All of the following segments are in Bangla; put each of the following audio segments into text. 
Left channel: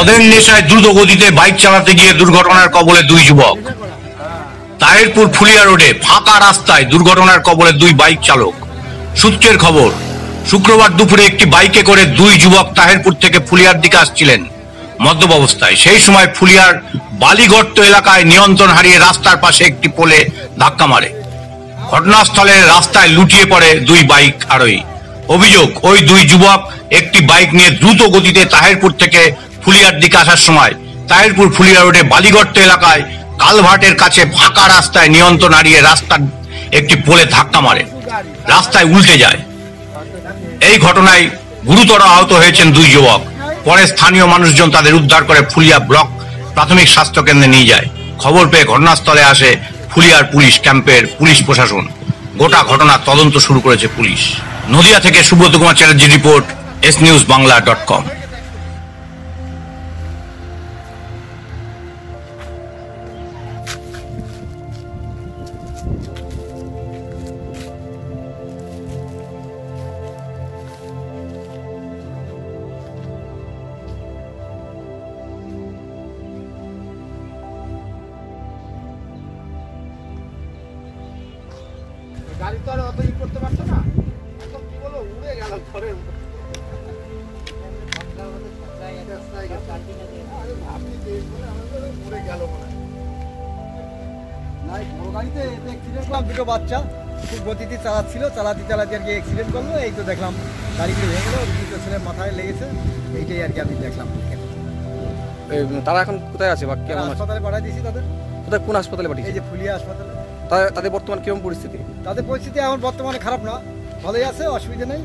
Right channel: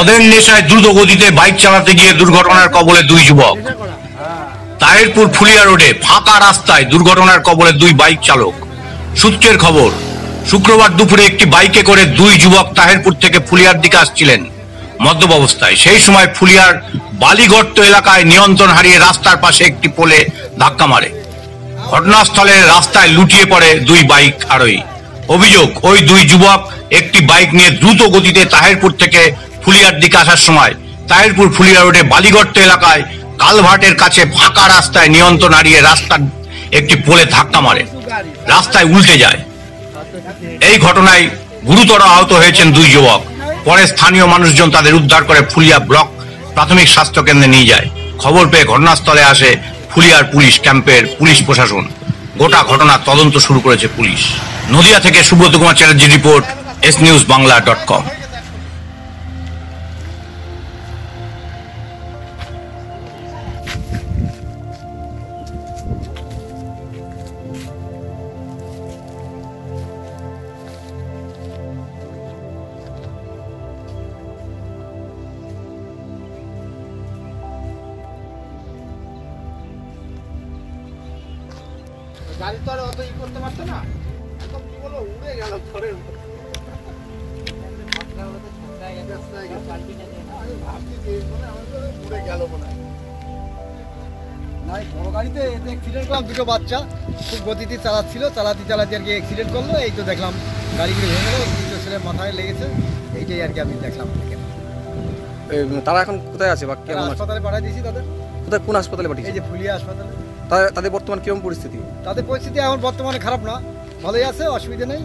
মদের নেশায় দ্রুত গতিতে বাইক চালাতে গিয়ে দুর্ঘটনার কবলে দুই যুবক। তাহিরপুর ফুলিয়া রোডে ফাঁকা রাস্তায় দুর্ঘটনার কবলে দুই বাইক চালক। সূত্রের খবর, শুক্রবার দুপুরে একটি বাইকে করে দুই যুবক তাহিরপুর থেকে ফুলিয়ার দিকে আসছিলেন মদ্যপ অবস্থায়। সেই সময় ফুলিয়ার বালিগর্ত এলাকায় নিয়ন্ত্রণ হারিয়ে রাস্তার পাশে একটি পোলে ধাক্কা মারে। ঘটনাস্থলে রাস্তায় লুটিয়ে পড়ে দুই বাইক আরোহী। অভিযোগ, ওই দুই যুবক একটি বাইক নিয়ে দ্রুত গতিতে তাহিরপুর থেকে ফুলিয়ার দিকে আসার সময় তাহিরপুর ফুলিয়া রোডে বালিগর্ত এলাকায় কালভার্টের কাছে ফাঁকা রাস্তায় নিয়ন্ত্রণ হারিয়ে রাস্তার একটি পোলে ধাক্কা মারে, রাস্তায় উল্টে যায়। এই ঘটনায় গুরুতর আহত হয়েছেন দুই যুবক। পরে স্থানীয় মানুষজন তাদের উদ্ধার করে ফুলিয়া ব্লক প্রাথমিক স্বাস্থ্য কেন্দ্রে নিয়ে যায়। খবর পেয়ে ঘটনাস্থলে আসে ফুলিয়ার পুলিশ ক্যাম্পের পুলিশ প্রশাসন। গোটা ঘটনা তদন্ত শুরু করেছে পুলিশ। নদিয়া থেকে সুব্রত কুমার চ্যাটার্জির রিপোর্ট, snewsbangla.com। গাড়ি তো আর অত ই করতে পারতো না, কি বলো উড়ে গেল ঘরের উড়ে গেল মনে হয়। বড় গাড়িতে অ্যাক্সিডেন্ট করলাম, দুটো বাচ্চা খুব গতিতে চালাচ্ছিল, চালাতে আর কি অ্যাক্সিডেন্ট করলো। এই তো দেখলাম গাড়িগুলো ভেঙে গেল, দুটো ছেলে মাথায় লেগেছে, এইটাই আর কি আমি দেখলাম। তারা এখন কোথায় আছে বা কেমন হাসপাতালে পাঠিয়ে দিয়েছি তাদের। কোথায়, কোন হাসপাতালে পাঠিয়েছি? এই যে ফুলিয়া হাসপাতালে। তাদের বর্তমান কিরকম পরিস্থিতি? তাদের পরিস্থিতি এখন বর্তমানে খারাপ না, ভালোই আছে, অসুবিধা নেই।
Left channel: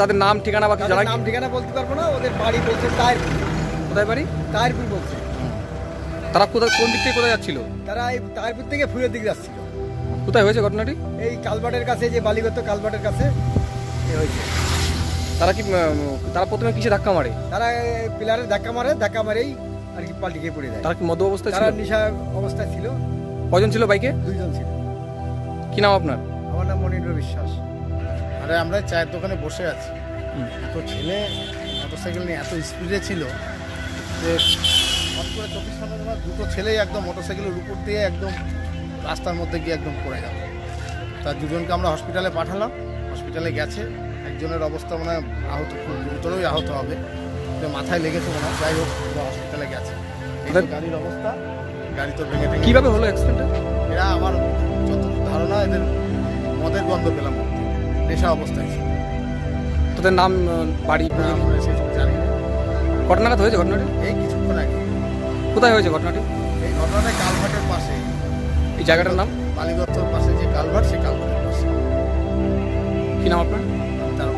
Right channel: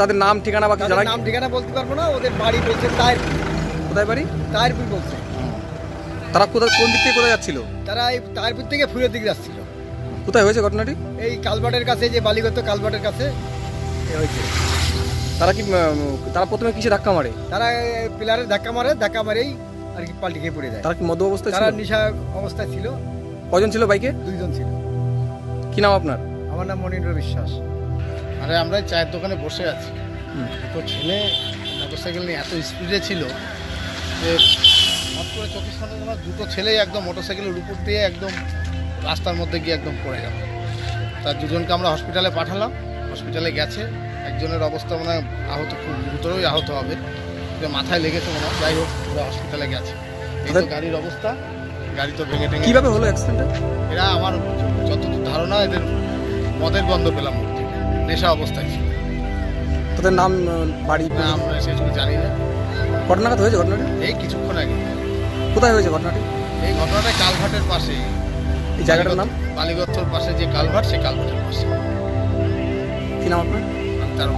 তাদের নাম ঠিকানা বা কি জানা? নাম ঠিকানা বলতে পারবো না, ওদের বাড়ি বলছে তাহিরপুর। কোথায় বাড়ি? তাহিরপুর বলছে। তারা কোথায়, কোন দিক থেকে কোথায় যাচ্ছিল? তারা এই তাহিরপুর থেকে ফুলের দিকে যাচ্ছিল। কোথায় হয়েছে ঘটনাটি? এই কালভার্টের কাছে, যে বালিগত কালভার্টের কাছে হয়েছে। তারা প্রথমে কিসে ধাক্কা মারে? তারা পিলারের ধাক্কা মারেই আর কি পাল্টি খেয়ে পড়ে যায়। তারা কি মদ্য অবস্থায় ছিল? তারা নেশা অবস্থায় ছিল। কজন ছিল বাইকে? দুইজন ছিল। কি নাম আপনার? আমার নাম মনিন্দ্র বিশ্বাস। আরে আমরা চায়ের দোকানে বসে আছি, তো ছেলে মোটরসাইকেল নিয়ে এত স্পিডে ছিল যে হট করে চোখের সামনে আমার দুটো ছেলেই একদম মোটরসাইকেলের উপর দিয়ে একদম রাস্তার মধ্যে গিয়ে একদম পড়ে গেল। তার দুজনকে আমরা হসপিটালে পাঠালাম, হসপিটালে গেছে। একজনের অবস্থা মনে হয় আহত, খুব গুরুতরই আহত হবে, মাথায় লেগেছে মনে হয়। যাই হোক, ওরা হসপিটালে গেছে। এই তো গাড়ির অবস্থা, গাড়ি তো ভেঙে টেঙে। কিভাবে হলো অ্যাক্সিডেন্টটা? এরা আমার যতটুকু ধারণা, এদের মদের গন্ধ পেলাম, নেশা অবস্থায় ছিল। তাদের নাম, বাড়ি? আমরা সেসব জানি না। ঘটনাটা হয়েছে ঘটনাটি এই কিছুক্ষণ আগে। কোথায় হয়েছে ঘটনাটি? এই ঘটনাটা কালভার্টের পাশে। এই জায়গাটার নাম? বালিগর্তর পাশে যে কালভার্ট, সেই কালভার্টের পাশে। কি নাম আপনার? আমি তার